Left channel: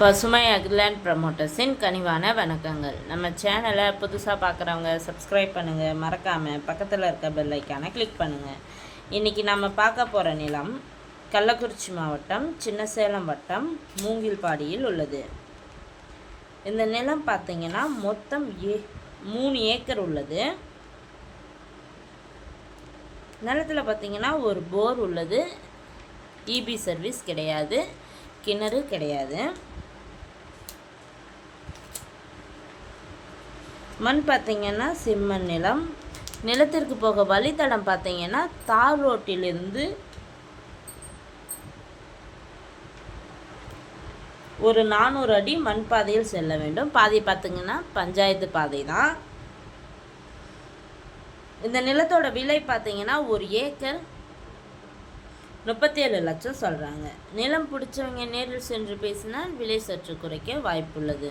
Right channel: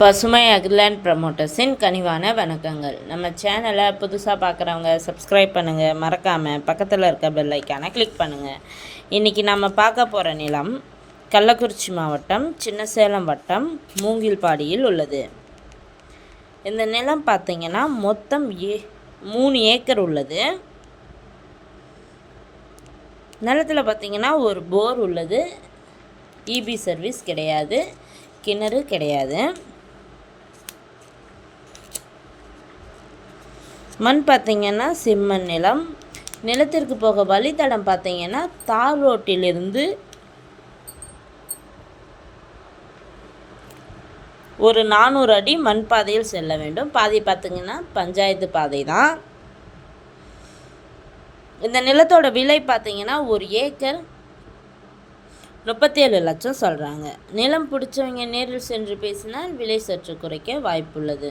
பசுமை அக்லாண்ட் ப்ரமோட்டர்ஸின் கனிவான வணக்கங்கள். நம்ம சேனலை புதுசாக பார்க்குறவங்க சப்ஸ்கிரைப் பண்ணுங்கள் மறக்காமல் பக்கத்தில் இருக்க பெல் ஐக்கானை கிளிக் பண்ணுங்கள் இன்றைக்கி நம்ம பார்க்க போகிற நிலம் கள்ளக்குறிச்சி மாவட்டம் சின்னசேலம் வட்டம் மூங்கில்பாடியில் உள்ளது. இந்த நிலம் பார்த்திங்கன்னா மொத்தம் ஏ மூணு ஏக்கர் உள்ளது. நிலத்தில் பார்த்திங்கன்னா ஒரு போர் உள்ளது. இபி சர்வீஸ் கிடையாது. கிணறு கிடையாது. மண் பார்த்திங்கன்னா செம்மண் நிலம். நிலத்திற்கு போக வழித்தடம் பார்த்திங்கன்னா தார் ரோட்டிலிருந்து ஒரு நானூறு அடி மண் பாதையில் செல்ல வேண்டும். பாதை பார்த்திங்கன்னா பஞ்சாயத்து பாதை தான். இந்த நிலத்தோட விலை பார்த்திங்கன்னா ஒரு ஏக்கர் முப்பத்தேழு லட்சம் சொல்கிறாங்க நிலம் பிடிச்சவங்க நேரில் சென்று பேசினால் விலை சற்று குறைக்க வாய்ப்புள்ளது.